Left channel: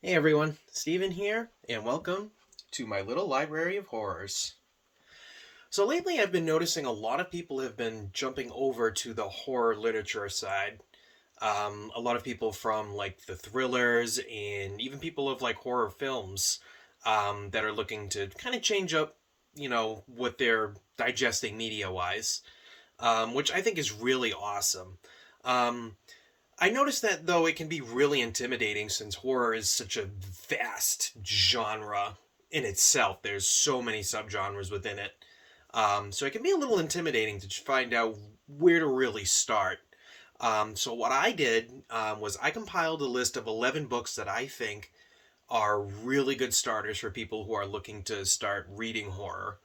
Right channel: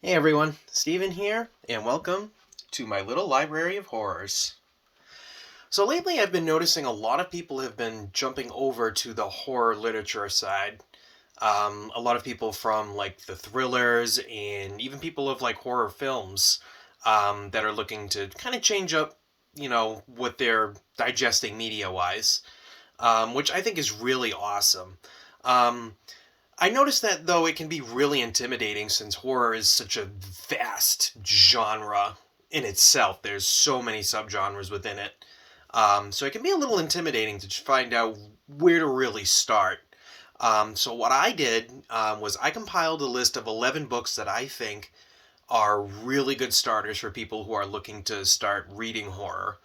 Hey everyone, Steven here, and welcome to my little library of horrors. So lately I've been noticing a lot of people have been jumping over to the horror literature side. A lot of people from like the thrillers and even people of like horror films that are looking to kind of change up, what they're digesting media wise, which I think is really awesome. Um, I noticed that though it can be really intimidating since horror is such a vast genre in itself. There's so many subgenres within it. So it can be a little intimidating to find out where to really start. So what I did was I compiled a list of 11 books that I think are really good starters for people who are looking to start reading horror.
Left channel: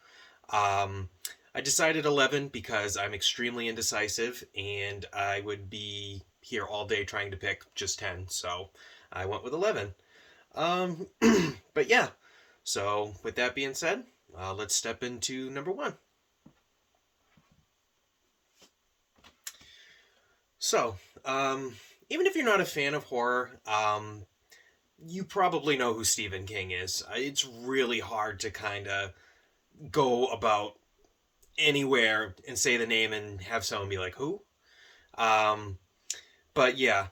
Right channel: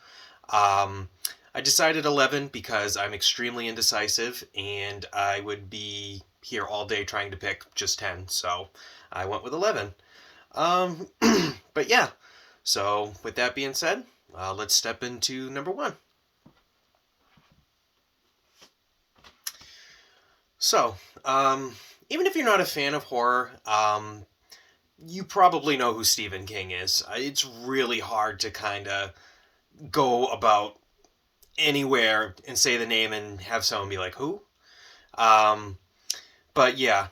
Um, I decided 11 because I'm extremely indecisive and I would be here all day trying to pick just 10. So I went with 11. Um, but yeah, so with that being said, let's step into number one. So, even if you're not a fan of horror, you probably know who Stephen King is. It's really hard to kind of go about anywhere and say the name and have someone be like, who? Um, but yeah,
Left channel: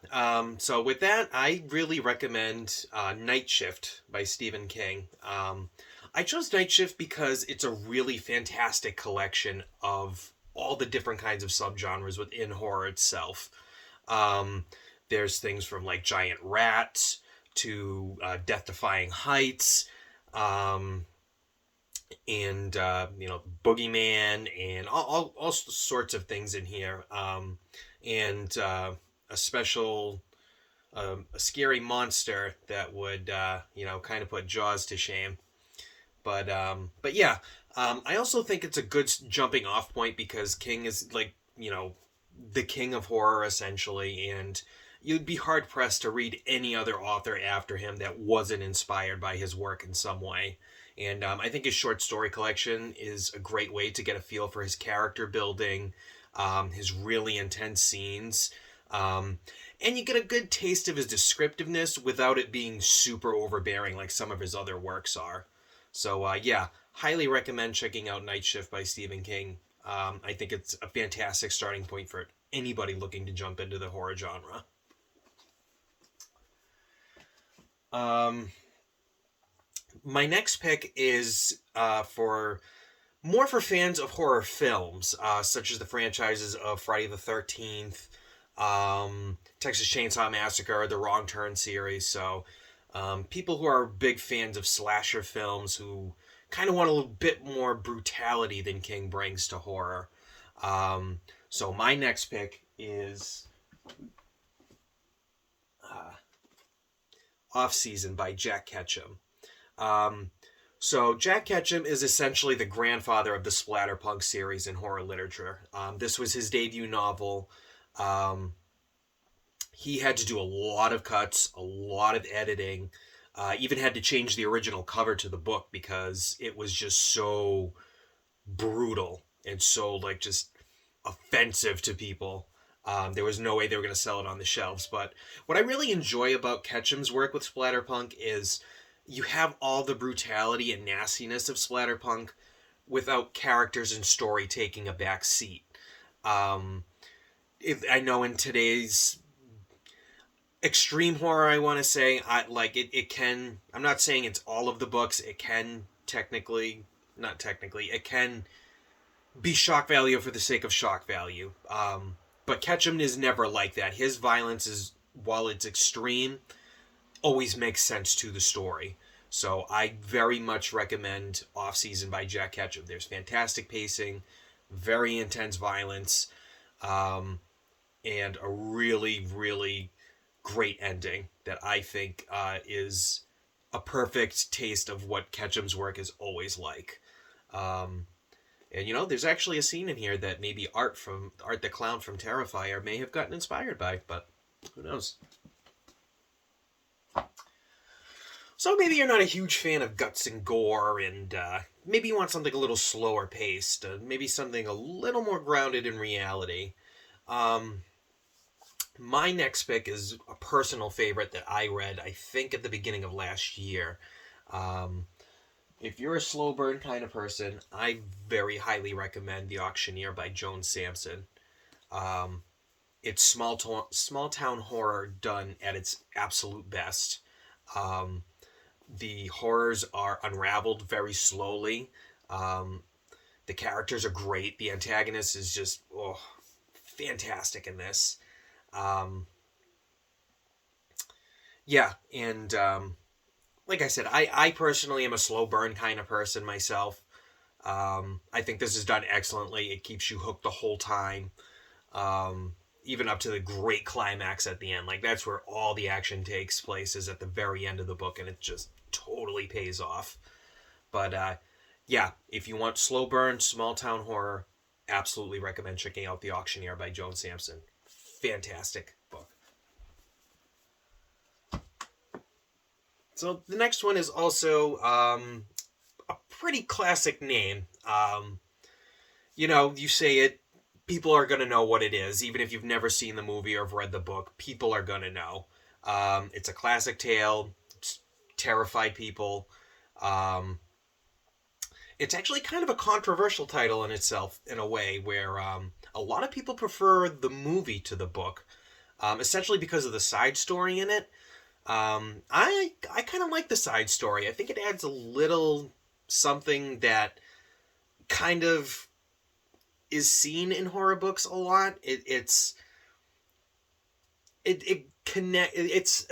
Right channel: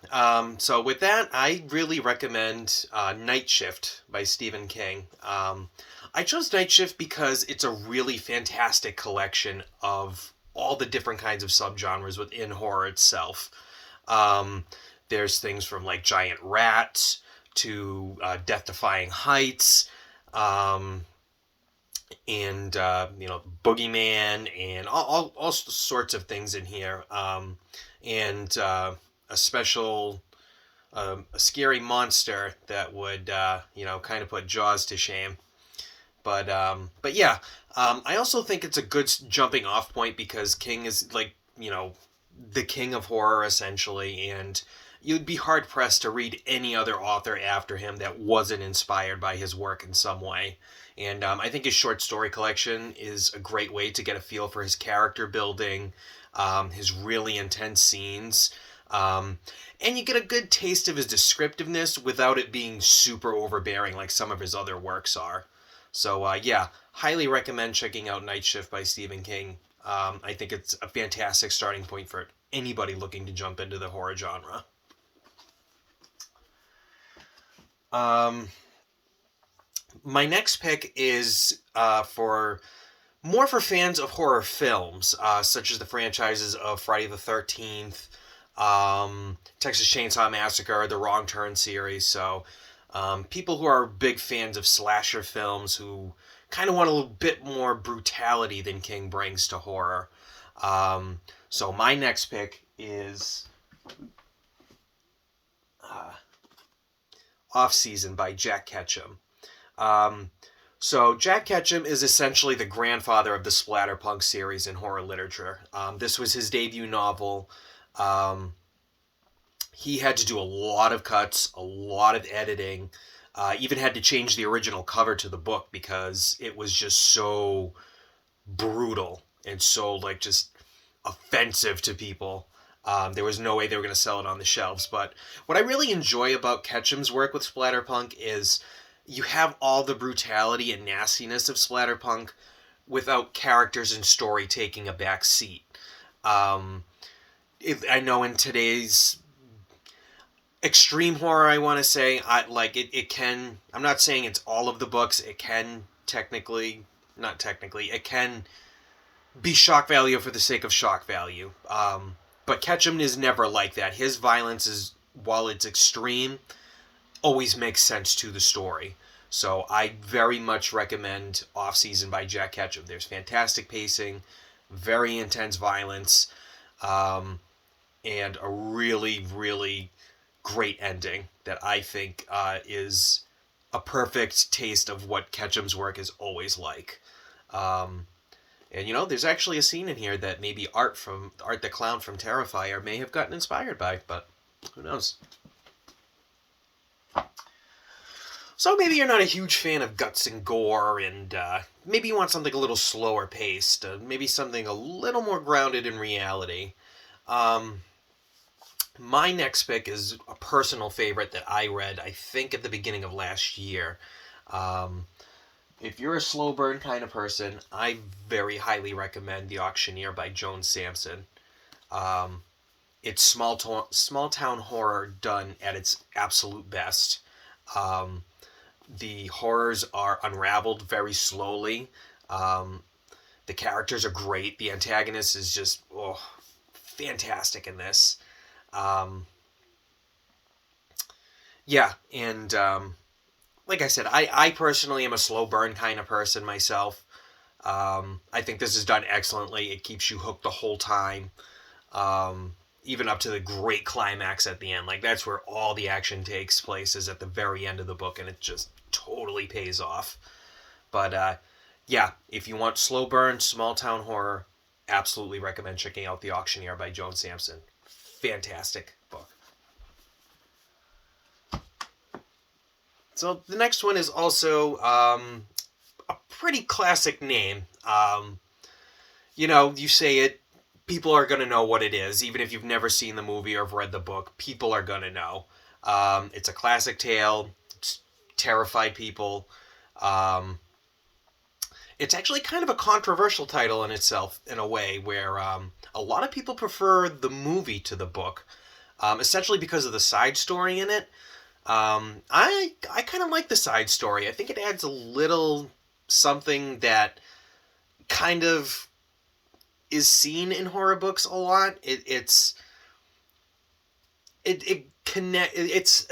so with that, I really recommend Night Shift by Stephen King. I chose Night Shift because it's a really fantastic collection of all the different kinds of subgenres within horror itself. Um, there's things from like giant rats to death-defying heights, um, and boogeyman and all sorts of things in here, and a special a scary monster that would kind of put Jaws to shame. But yeah, I also think it's a good jumping off point because King is like the king of horror essentially, and you'd be hard pressed to read any other author after him that wasn't inspired by his work in some way. And I think his short story collection is a great way to get a feel for his character building, his really intense scenes, and you get a good taste of his descriptiveness without it being super overbearing like some of his other works are. So yeah, highly recommend checking out Night Shift by Stephen King. I think it's a fantastic starting point for anybody looking to jump into the horror genre. Um, my next pick is for fans of horror films, such as the franchises of Friday the 13th, Texas Chainsaw Massacre, the Wrong Turn series. So, people who are big fans of slasher films who kind of want a little bit more brutality than King brings to horror. Um, so, my next pick is uh, Off Season by Jack Ketchum. Um, so Jack Ketchum is essentially the grandfather of the splatterpunk series in horror literature. This was his debut novel. Um, he had to do a lot of cuts, a lot of editing. Even had to change the original cover to the book because it was just so brutal and so like just offensive to people. There was no way they were going to sell it on the shelves. But what I really enjoy about Ketchum's work with splatterpunk is you have all the brutality and nastiness of splatterpunk without characters and story taking a back seat. Um, I know in today's extreme horror, I want to say, I like it. It can. I'm not saying it's all of the books. It can technically, not technically, it can be shock value for the sake of shock value. But Ketchum is never like that. His violence is, while it's extreme, always makes sense to the story. So I very much recommend Off Season by Jack Ketchum. There's fantastic pacing, very intense violence, um, and a really, really great ending that I think is a perfect taste of what Ketchum's work is always like. Um, and there's actually a scene in here that maybe Art the Clown from Terrifier may have gotten inspired by, but who knows? So maybe you're not a huge fan of guts and gore, and maybe you want something a little slower paced, maybe something a little more grounded in reality. Um, My next pick is a personal favorite that I read, I think, at the beginning of last year. Um, if you're a slow burn kind of person, I very highly recommend The Auctioneer by Joan Sampson. Um, it's small town horror done at its absolute best. Um, the horrors are unraveled very slowly. Um, the characters are great. The antagonist is just fantastic in this. Um, yeah, and like I said, I personally am a slow burn kind of person myself. I think this is done excellently. It keeps you hooked the whole time, even up to the great climax at the end. Like, that's where all the action takes place, is at the very end of the book, and it just totally pays off. But yeah, if you want slow burn, small town horror, absolutely recommend checking out The Auctioneer by Joan Sampson. Fantastic book. So the next one is also a pretty classic name. You say it, people are going to know what it is. Even if you've never seen the movie or have read the book, people are going to know. It's a classic tale. It's terrified people. It's actually kind of a controversial title in itself, in a way, where a lot of people prefer the movie to the book, essentially because of the side story in it. I kind of like the side story. I think it adds a little something that kind of is seen in horror books a lot. It's a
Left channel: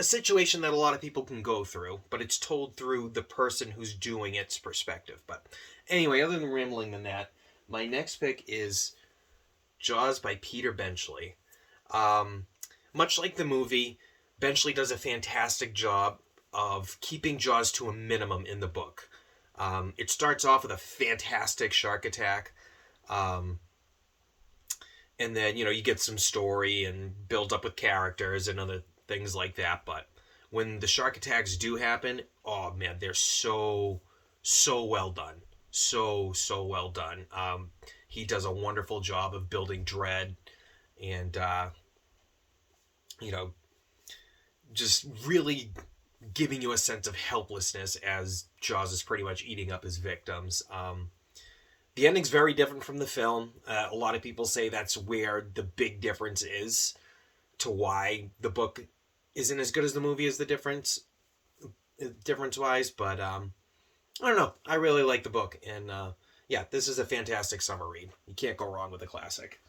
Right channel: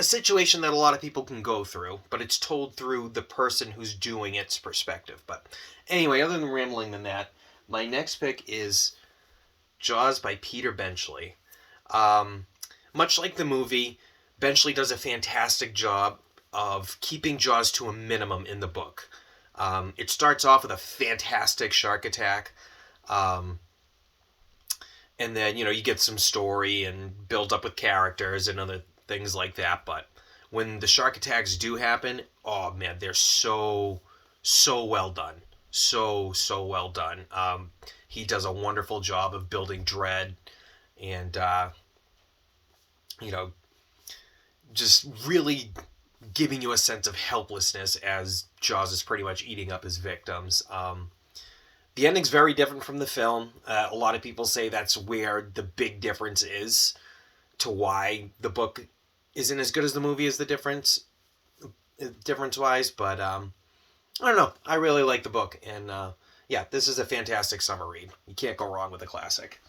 situation that a lot of people can go through, but it's told through the person who's doing its perspective. But anyway, other than rambling than that, my next pick is Jaws by Peter Benchley. Much like the movie, Benchley does a fantastic job of keeping Jaws to a minimum in the book. It starts off with a fantastic shark attack. And then, you get some story and build up with characters and other things like that. But when the shark attacks do happen, oh man, they're so well done. So well done. He does a wonderful job of building dread and, just really giving you a sense of helplessness as Jaws is pretty much eating up his victims. The ending's very different from the film. A lot of people say that's where the big difference is to why the book isn't as good as the movie is the difference-wise. But I don't know. I really like the book. And yeah, this is a fantastic summer read. You can't go wrong with a classic.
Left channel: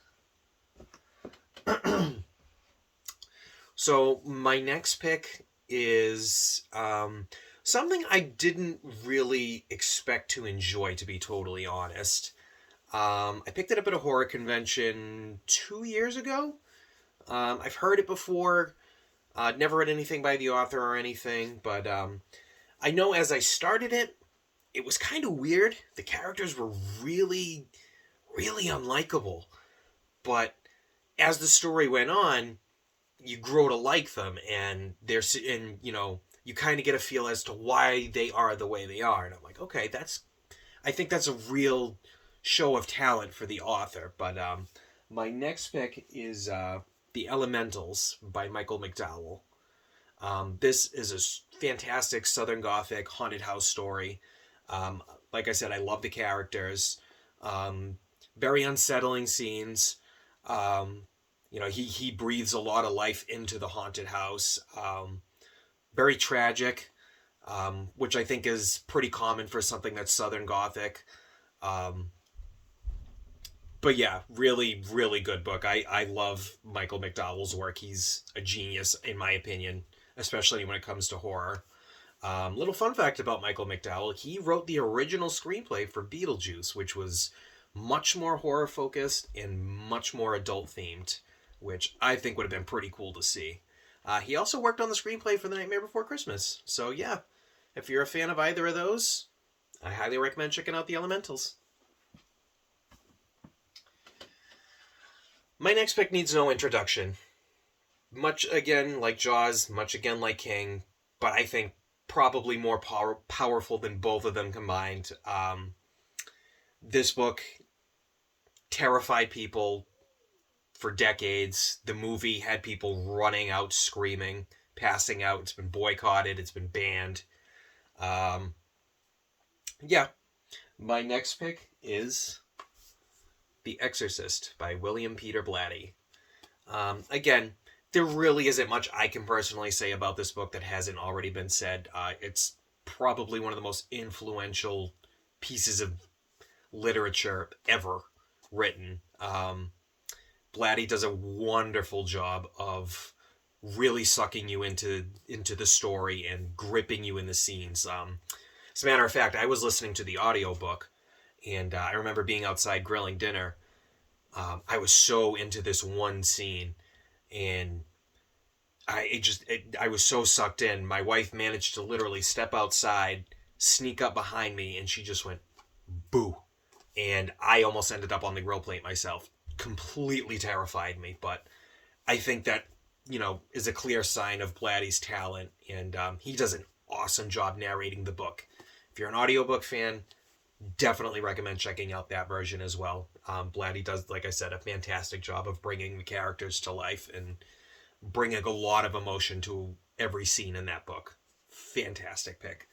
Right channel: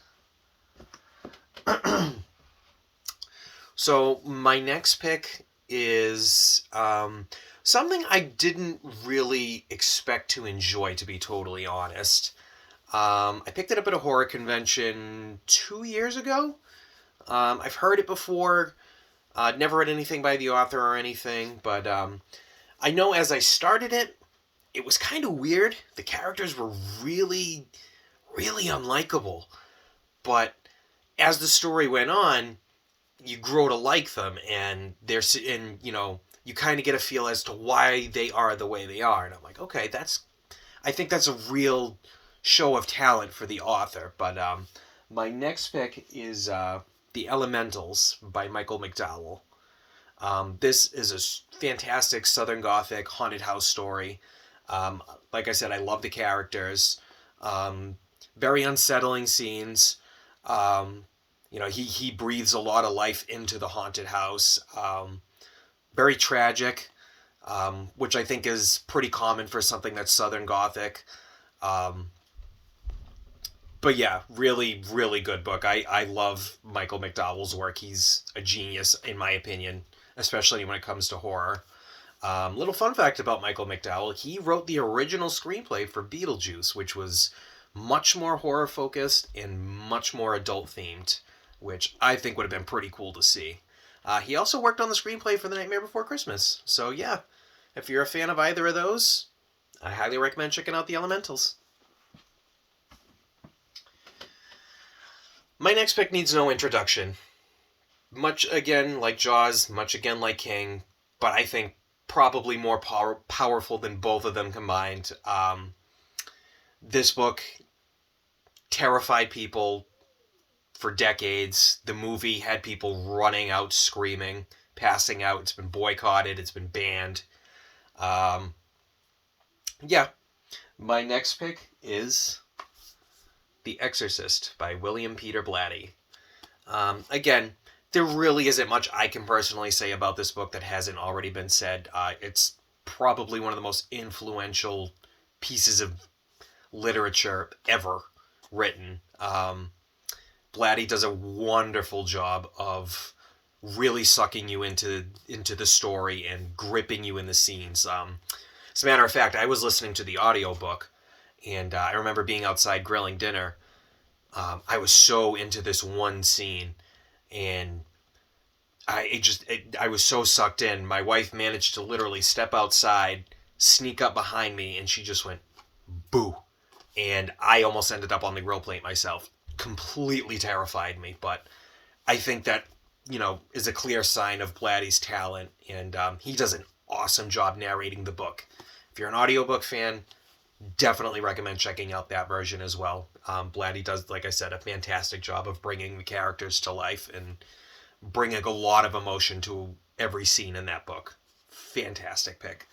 So my next pick is something I didn't really expect to enjoy, to be totally honest. I picked it up at a horror convention 2 years ago. I've heard it before. Never read anything by the author or anything, but I know as I started it, it was kind of weird. The characters were really, really unlikable. But as the story went on, you grow to like them, and you kind of get a feel as to why they are the way they are. And I'm like, okay, I think that's a real show of talent for the author. But my next pick is The Elementals by Michael McDowell. This is a fantastic Southern Gothic haunted house story. Like I said, I love the characters. Very unsettling scenes. He breathes a lot of life into the haunted house. Very tragic, which I think is pretty common for something that's Southern Gothic. But yeah, really, really good book. I love Michael McDowell's work. He's a genius, in my opinion, especially when it comes to horror. Little fun fact about Michael McDowell, he wrote the original screenplay for Beetlejuice, which was much more horror-focused and much more adult-themed, which I think would have been pretty cool to see. He also worked on the screenplay for The Nightmare Before Christmas. So yeah, if you're a fan of either of those, I highly recommend checking out The Elementals. My next pick needs no introduction. Much again like Jaws, much again like King, but I think probably more powerful than both of them combined. This book terrified people for decades. The movie had people running out screaming, passing out. It's been boycotted. It's been banned. Yeah. My next pick is The Exorcist by William Peter Blatty. Again, there really isn't much I can personally say about this book that hasn't already been said. It's probably one of the most influential pieces of literature ever written. Blatty does a wonderful job of really sucking you into the story and gripping you in the scenes. As a matter of fact, I was listening to the audiobook, and I remember being outside grilling dinner. I was so into this one scene, and I was so sucked in. My wife managed to literally step outside, sneak up behind me, and she just went, boo. And I almost ended up on the grill plate myself. Completely terrified me, but I think that, is a clear sign of Blatty's talent, and he does an awesome job narrating the book. If you're an audiobook fan, definitely recommend checking out that version as well. Blatty does, like I said, a fantastic job of bringing the characters to life and bringing a lot of emotion to every scene in that book. Fantastic pick.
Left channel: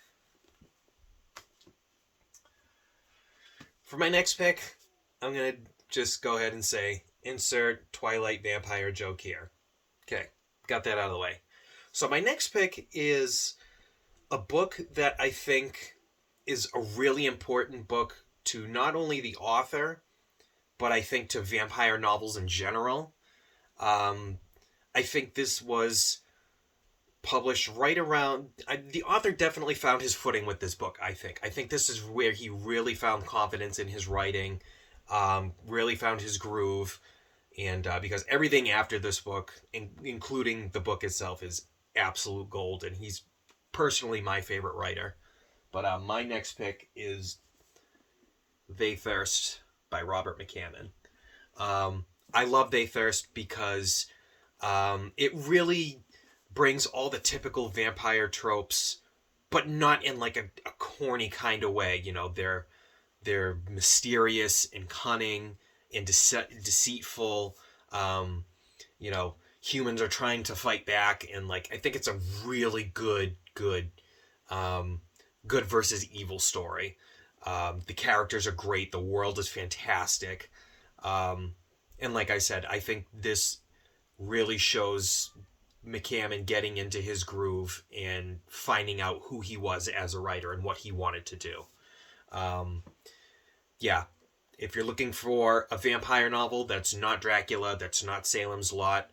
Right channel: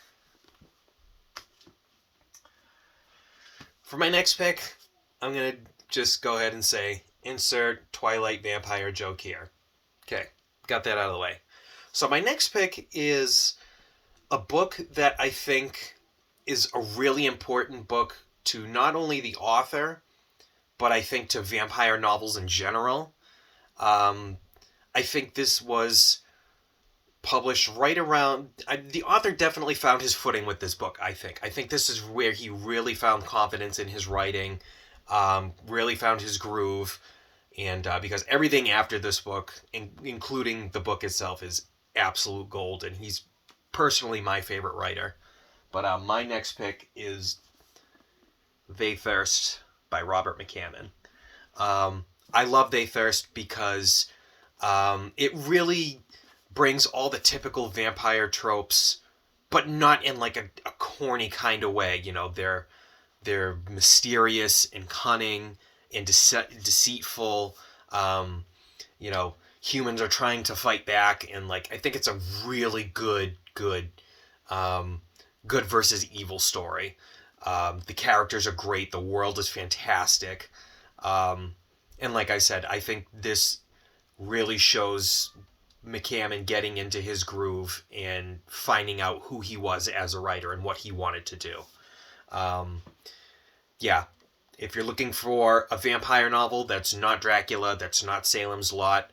For my next pick, I'm going to just go ahead and say, insert Twilight vampire joke here. Okay, got that out of the way. So my next pick is a book that I think is a really important book to not only the author, but I think to vampire novels in general. I think this was published right around... the author definitely found his footing with this book, I think. I think this is where he really found confidence in his writing, really found his groove, and because everything after this book, including the book itself, is absolute gold, and he's personally my favorite writer. But my next pick is They Thirst by Robert McCammon. I love They Thirst because it really brings all the typical vampire tropes, but not in like a corny kind of way. They're mysterious and cunning and deceitful. Humans are trying to fight back, and I think it's a really good versus evil story. The characters are great. The world is fantastic. And like I said, I think this really shows McCammon getting into his groove and finding out who he was as a writer and what he wanted to do. If you're looking for a vampire novel that's not Dracula, that's not Salem's Lot,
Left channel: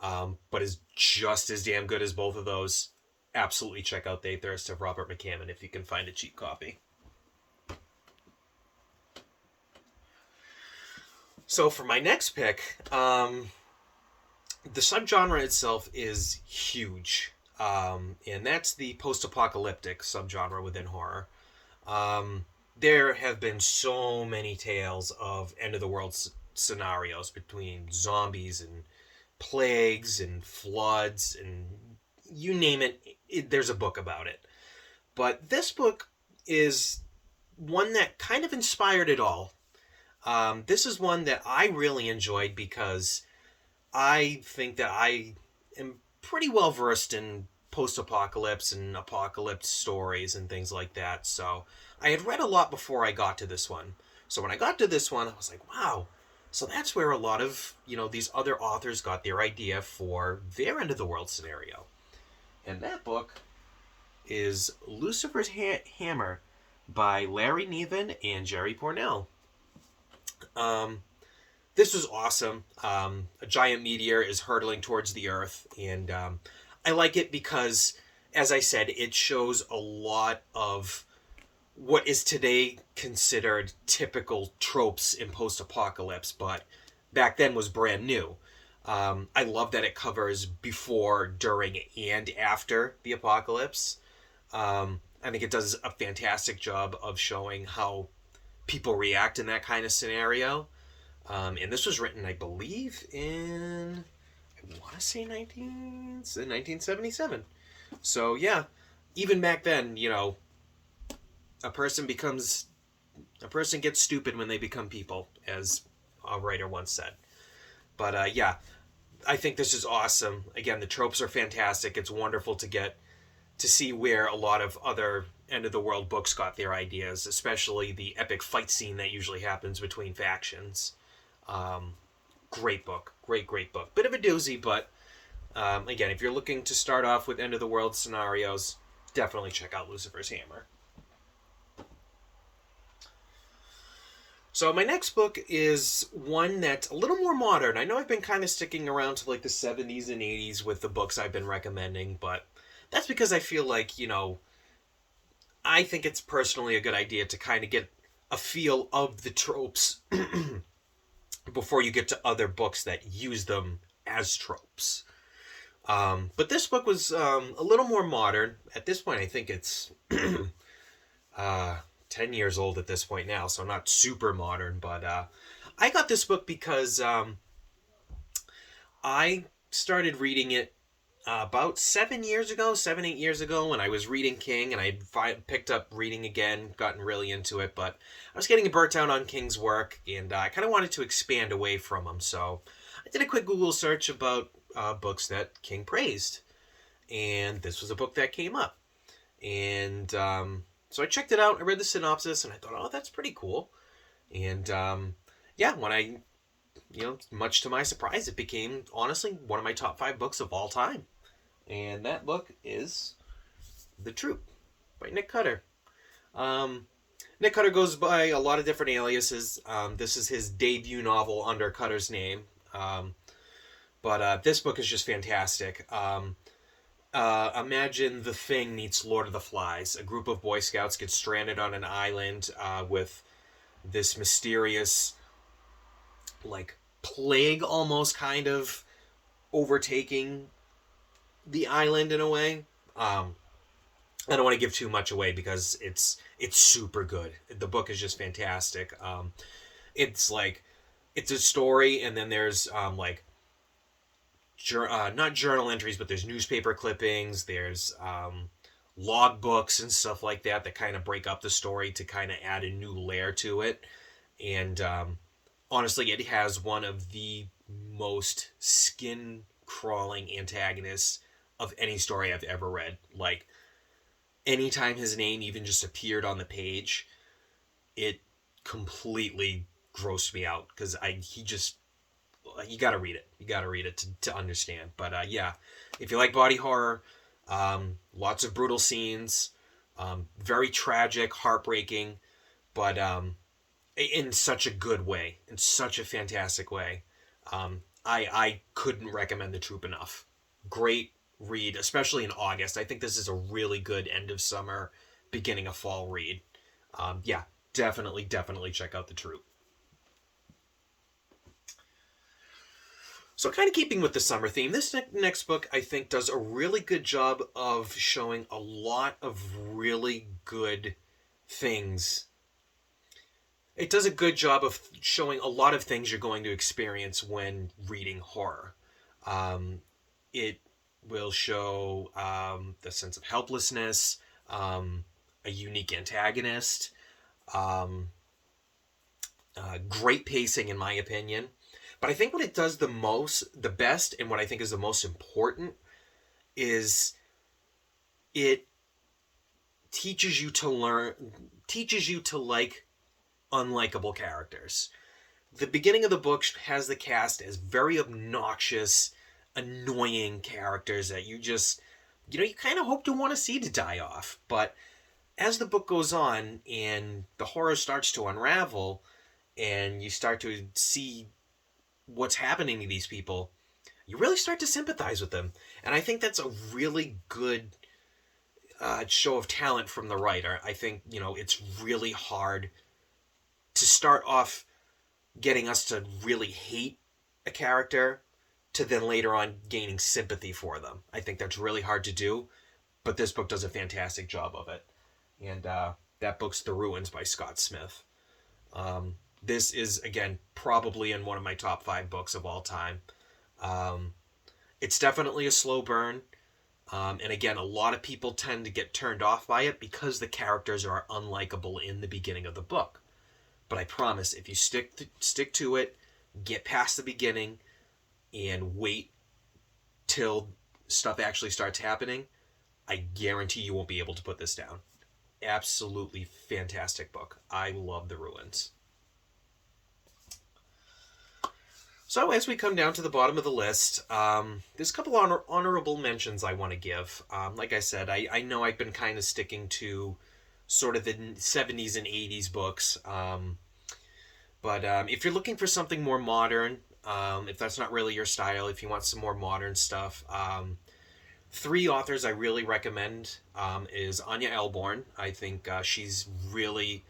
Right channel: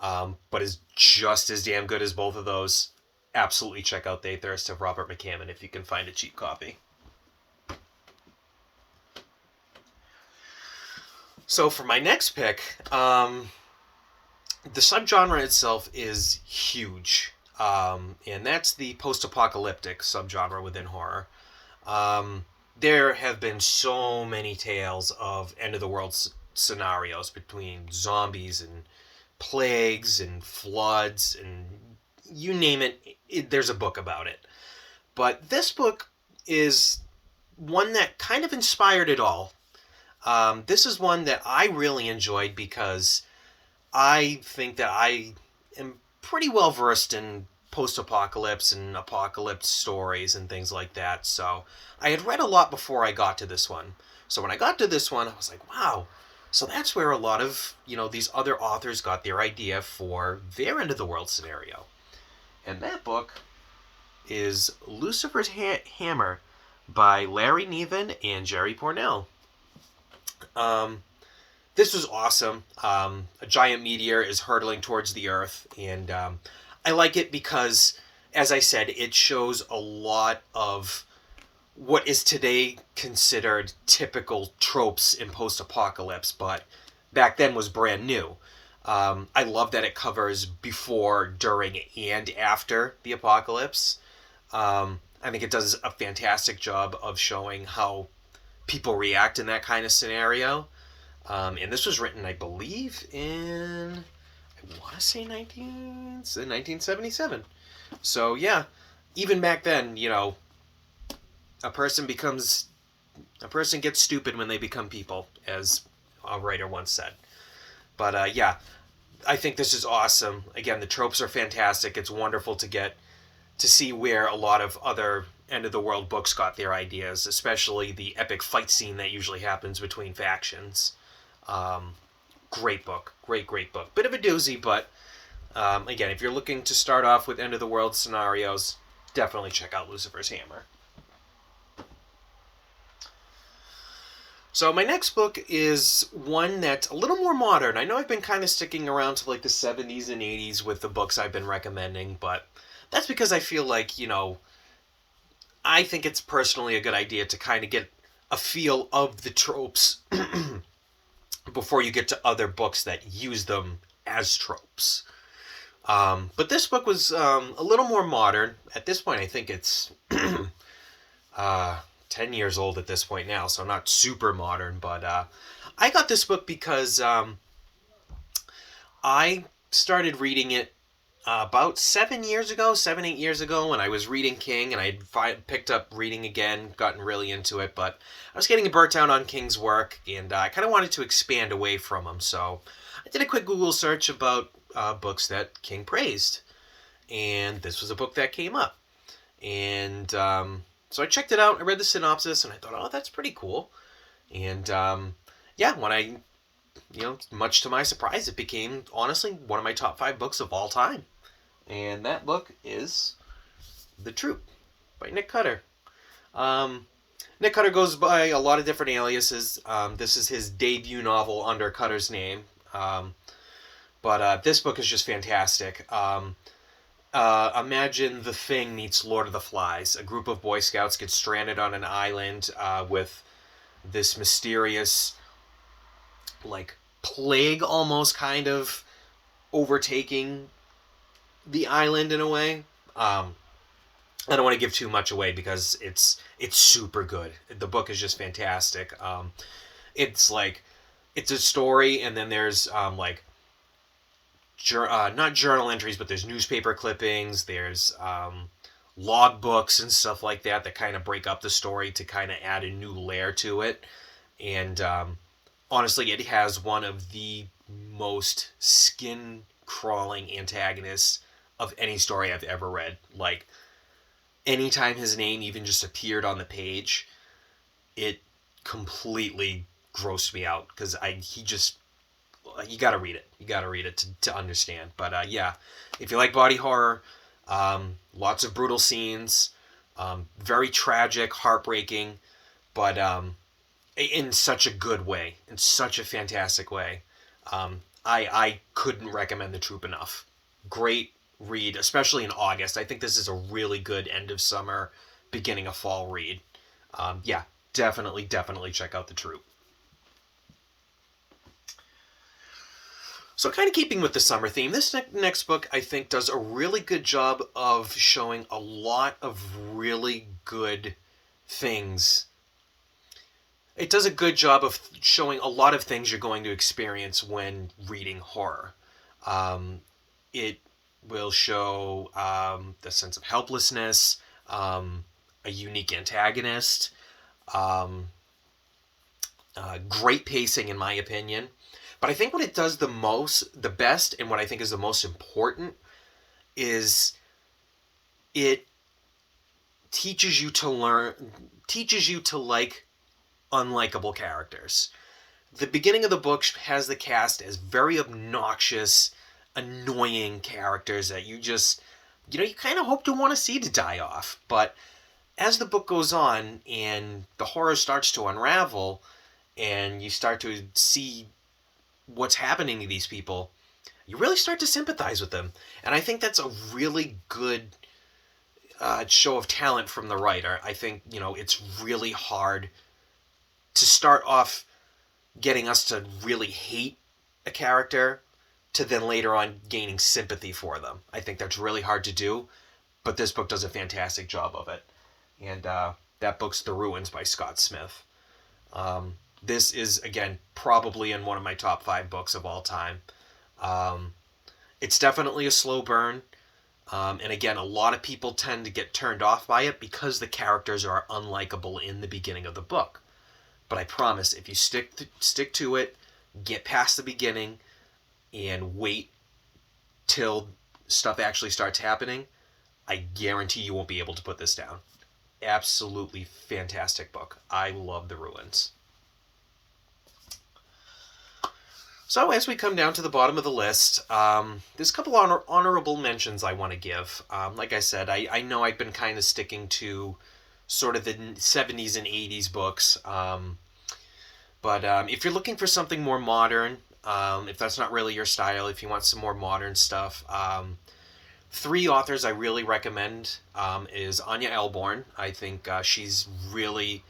but is just as damn good as both of those, absolutely check out They Thirst of Robert McCammon if you can find a cheap copy. So for my next pick, the subgenre itself is huge, and that's the post-apocalyptic subgenre within horror. There have been so many tales of end-of-the-world scenarios between zombies and plagues and floods and you name it, there's a book about it. But this book is one that kind of inspired it all. This is one that I really enjoyed because I think that I am pretty well versed in post-apocalypse and apocalypse stories and things like that. So I had read a lot before I got to this one. So when I got to this one, I was like, wow. So that's where a lot of, these other authors got their idea for their end-of-the-world scenario. And that book is Lucifer's Hammer by Larry Niven and Jerry Pournelle. This was awesome. A giant meteor is hurtling towards the Earth, and I like it because, as I said, it shows a lot of what is today considered typical tropes in post-apocalypse, but back then was brand new. I love that it covers before, during, and after the apocalypse. I think it does a fantastic job of showing how people react in that kind of scenario. And this was written, I believe, in, I want to say 1977. So, yeah, even back then, a person gets stupid when they become people, as a writer once said. But yeah, I think this is awesome. Again, the tropes are fantastic. It's wonderful to get to see where a lot of other end of the world books got their ideas, especially the epic fight scene that usually happens between factions. Um, Great book, great book. Bit of a doozy, but again, if you're looking to start off with end of the world scenarios, definitely check out Lucifer's Hammer. So my next book is one that's a little more modern. I know I've been kind of sticking around to like the 70s and 80s with the books I've been recommending, but that's because I feel like, I think it's personally a good idea to kind of get a feel of the tropes before you get to other books that use them as tropes. But this book was a little more modern. At this point, I think it's 10 years old at this point now, so not super modern. But I got this book because I started reading it about 8 years ago, when I was reading King, and I picked up reading again, gotten really into it, but I was getting burnt out on King's work, and I kind of wanted to expand away from him, so I did a quick Google search about books that King praised, and this was a book that came up, and so I checked it out, I read the synopsis, and I thought, oh, that's pretty cool, and yeah, when I, much to my surprise, it became, honestly, one of my top 5 books of all time. And that book is The Troop by Nick Cutter. Nick Cutter goes by a lot of different aliases. This is his debut novel under Cutter's name. But this book is just fantastic. Imagine The Thing meets Lord of the Flies. A group of Boy Scouts get stranded on an island with this mysterious, like, plague almost kind of overtaking the island in a way. I don't want to give too much away because it's super good. The book is just fantastic. It's a story, and then there's not journal entries, but there's newspaper clippings. There's log books and stuff like that kind of break up the story to kind of add a new layer to it. And honestly, it has one of the most skin-crawling antagonists of any story I've ever read. Like, anytime his name even just appeared on the page, it completely grossed me out, because you gotta read it. You gotta read it to understand. But yeah, if you like body horror, lots of brutal scenes, very tragic, heartbreaking, but in such a good way, in such a fantastic way. I couldn't recommend The Troop enough. Great read, especially in August. I think this is a really good end of summer, beginning of fall read. Yeah, definitely check out The Troop. So kind of keeping with the summer theme, this next book, I think, does a really good job of showing a lot of really good things. It does a good job of showing a lot of things you're going to experience when reading horror. It will show the sense of helplessness, a unique antagonist, great pacing in my opinion. But I think what it does the best, and what I think is the most important, is it teaches you to like unlikable characters. The beginning of the book has the cast as very obnoxious, annoying characters that you just, you kind of hope to want to see to die off. But as the book goes on and the horror starts to unravel and you start to see what's happening to these people, you really start to sympathize with them. And I think that's a really good show of talent from the writer. I think, it's really hard to start off getting us to really hate a character to then later on gaining sympathy for them. I think that's really hard to do, but this book does a fantastic job of it. And that book's The Ruins by Scott Smith. This is, again, probably in one of my top 5 books of all time. It's definitely a slow burn. And again, a lot of people tend to get turned off by it because the characters are unlikable in the beginning of the book. But I promise, if you stick to it, get past the beginning, and wait till stuff actually starts happening, I guarantee you won't be able to put this down. Absolutely fantastic book. I love The Ruins. So as we come down to the bottom of the list, there's a couple honorable mentions I want to give. Like I said, I know I've been kind of sticking to sort of the 70s and 80s books. But if you're looking for something more modern, if that's not really your style, if you want some more modern stuff, three authors I really recommend is Anya Elborn. I think she's really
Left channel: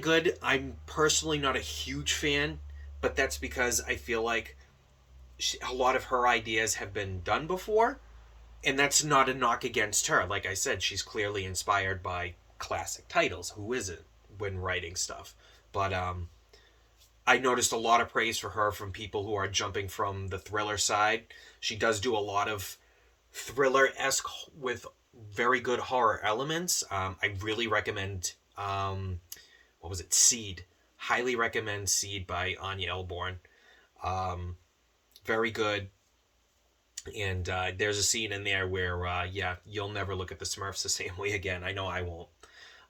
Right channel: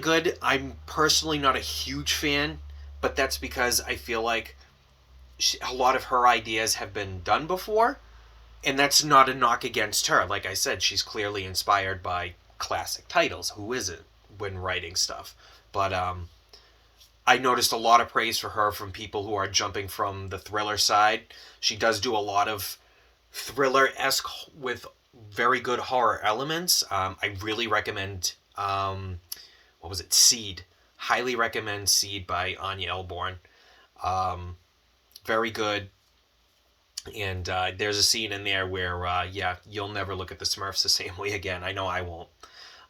good. I'm personally not a huge fan, but that's because I feel like a lot of her ideas have been done before, and that's not a knock against her. Like I said, she's clearly inspired by classic titles. Who isn't when writing stuff? But I noticed a lot of praise for her from people who are jumping from the thriller side. She does do a lot of thriller-esque with very good horror elements. I really recommend, what was it, Seed. Highly recommend Seed by Anya Elborn. Very good. And there's a scene in there where, you'll never look at the Smurfs the same way again. I know I won't.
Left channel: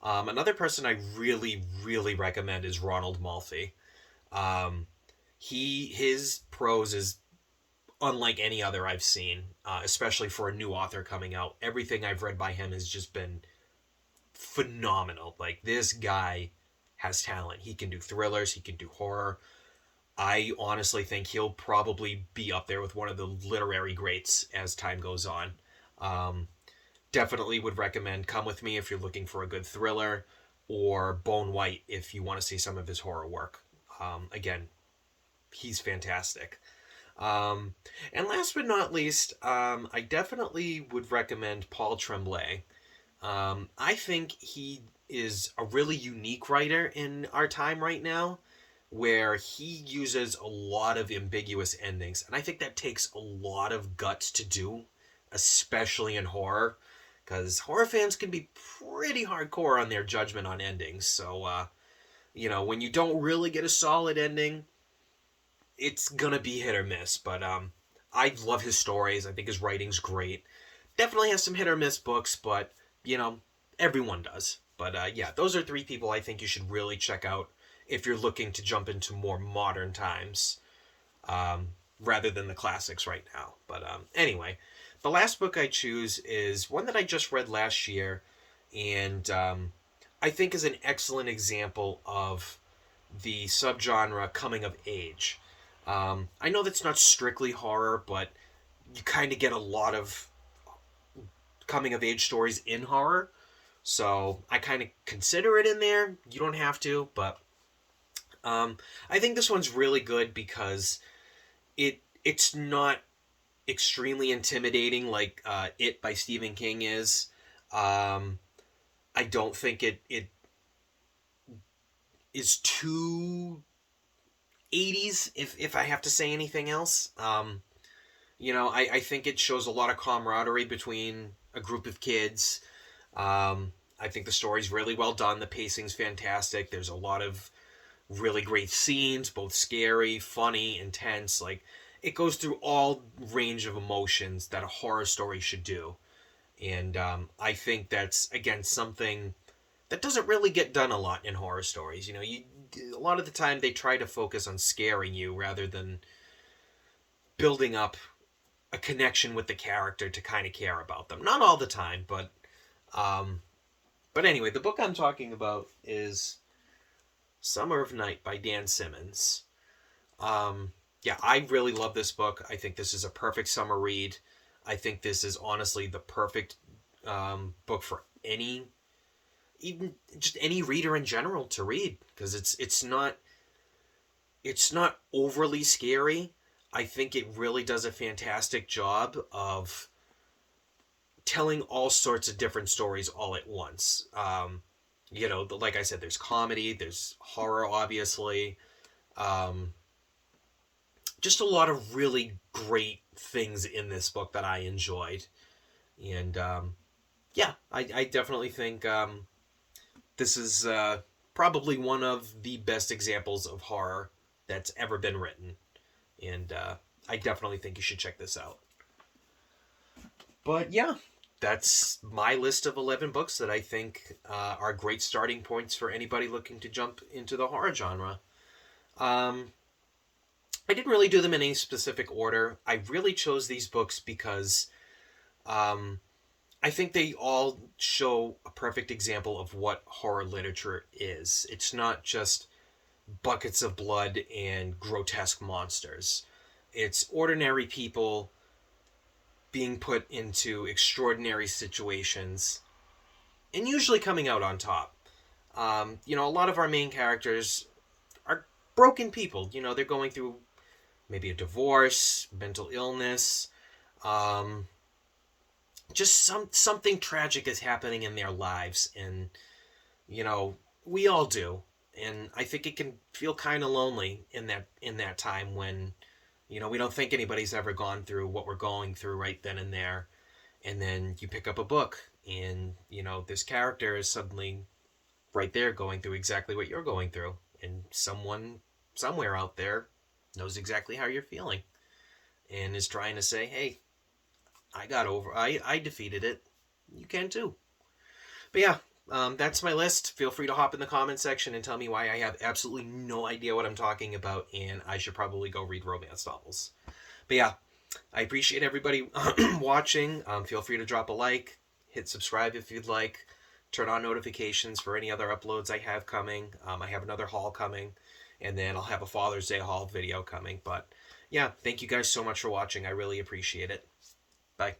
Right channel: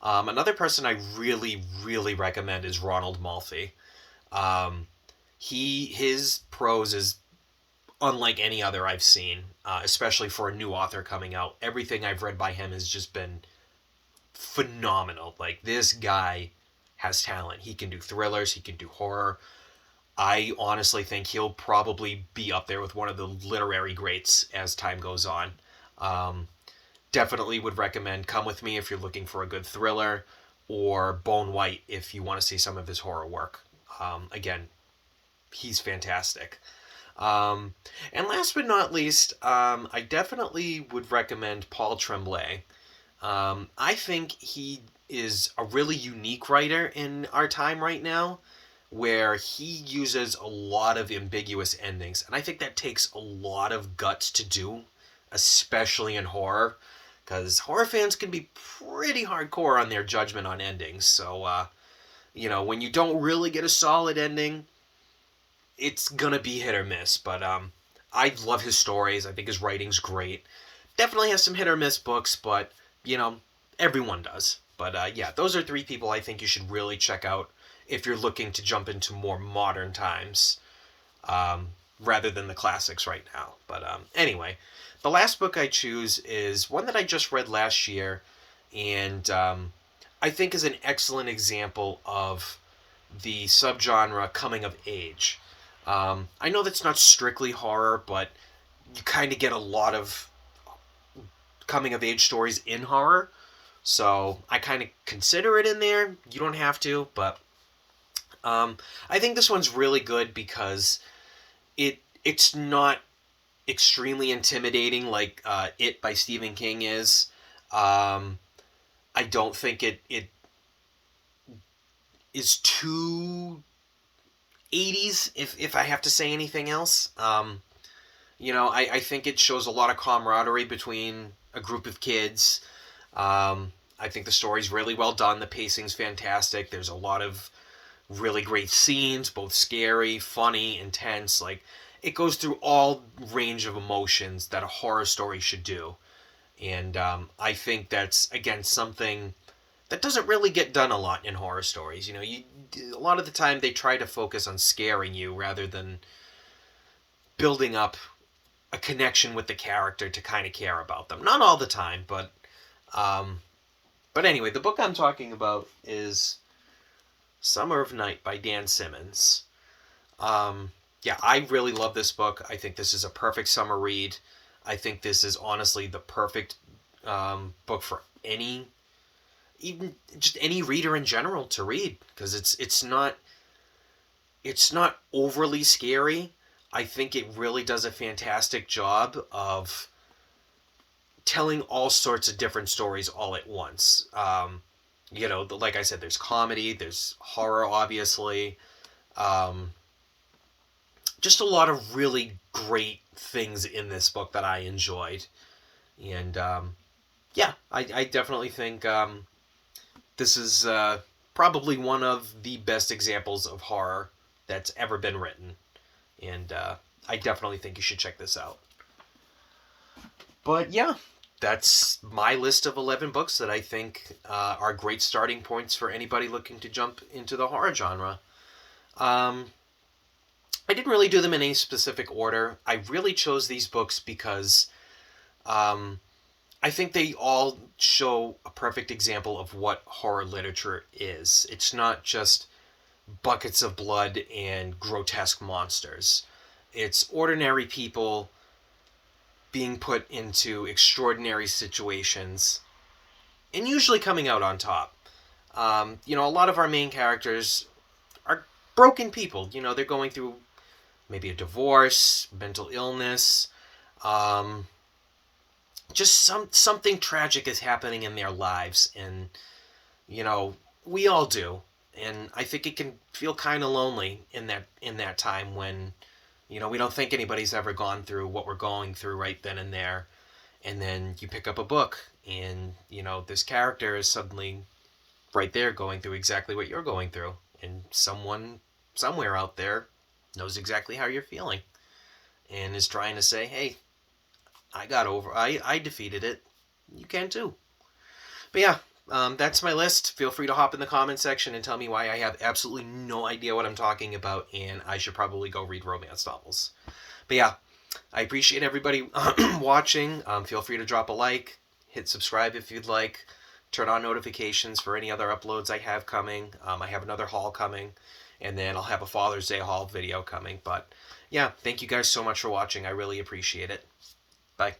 Another person I really, really recommend is Ronald Malfi. His prose is unlike any other I've seen, especially for a new author coming out. Everything I've read by him has just been phenomenal. Like, this guy has talent. He can do thrillers, he can do horror. I honestly think he'll probably be up there with one of the literary greats as time goes on. Definitely would recommend Come With Me if you're looking for a good thriller, or Bone White if you want to see some of his horror work. Again, he's fantastic. And last but not least, I definitely would recommend Paul Tremblay. I think he is a really unique writer in our time right now, where he uses a lot of ambiguous endings. And I think that takes a lot of guts to do, especially in horror, because horror fans can be pretty hardcore on their judgment on endings. So, when you don't really get a solid ending, it's going to be hit or miss. But I love his stories. I think his writing's great. Definitely has some hit or miss books, but, everyone does. But, those are three people I think you should really check out if you're looking to jump into more modern times, rather than the classics right now. But anyway, the last book I choose is one that I just read last year, and I think is an excellent example of the subgenre coming of age. I know that's not strictly horror, but you kind of get a lot of coming of age stories in horror, so I kind of consider it in there. You don't have to, but I think this one's really good because it's not extremely intimidating like It by Stephen King is. I don't think it is too 80s, if I have to say anything else. I think it shows a lot of camaraderie between a group of kids. I think the story's really well done. The pacing's fantastic. There's a lot of really great scenes, both scary, funny, intense. Like, it goes through all range of emotions that a horror story should do. And I think that's, again, something that doesn't really get done a lot in horror stories. A lot of the time they try to focus on scaring you rather than building up a connection with the character to kind of care about them. Not all the time, but anyway, the book I'm talking about is Summer of Night by Dan Simmons. I really love this book. I think this is a perfect summer read. I think this is honestly the perfect book for even just any reader in general to read, because it's not overly scary. I think it really does a fantastic job of telling all sorts of different stories all at once. Like I said, there's comedy, there's horror, obviously. Just a lot of really great things in this book that I enjoyed. And, I definitely think this is probably one of the best examples of horror that's ever been written. And I definitely think you should check this out. But yeah, that's my list of 11 books that I think are great starting points for anybody looking to jump into the horror genre. I didn't really do them in any specific order. I really chose these books because I think they all show a perfect example of what horror literature is. It's not just buckets of blood and grotesque monsters. It's ordinary people being put into extraordinary situations and usually coming out on top. A lot of our main characters are broken people. They're going through maybe a divorce, mental illness, just something tragic is happening in their lives, and we all do. And I think it can feel kind of lonely in that time when we don't think anybody's ever gone through what we're going through right then and there. And then you pick up a book and this character is suddenly right there going through exactly what you're going through, and someone somewhere out there knows exactly how you're feeling and is trying to say, hey, I defeated it. You can too. But yeah, that's my list. Feel free to hop in the comment section and tell me why I have absolutely no idea what I'm talking about, and I should probably go read romance novels. But yeah, I appreciate everybody watching. Feel free to drop a like, hit subscribe if you'd like, turn on notifications for any other uploads I have coming. I have another haul coming, and then I'll have a Father's Day haul video coming. But yeah, thank you guys so much for watching. I really appreciate it. Bye.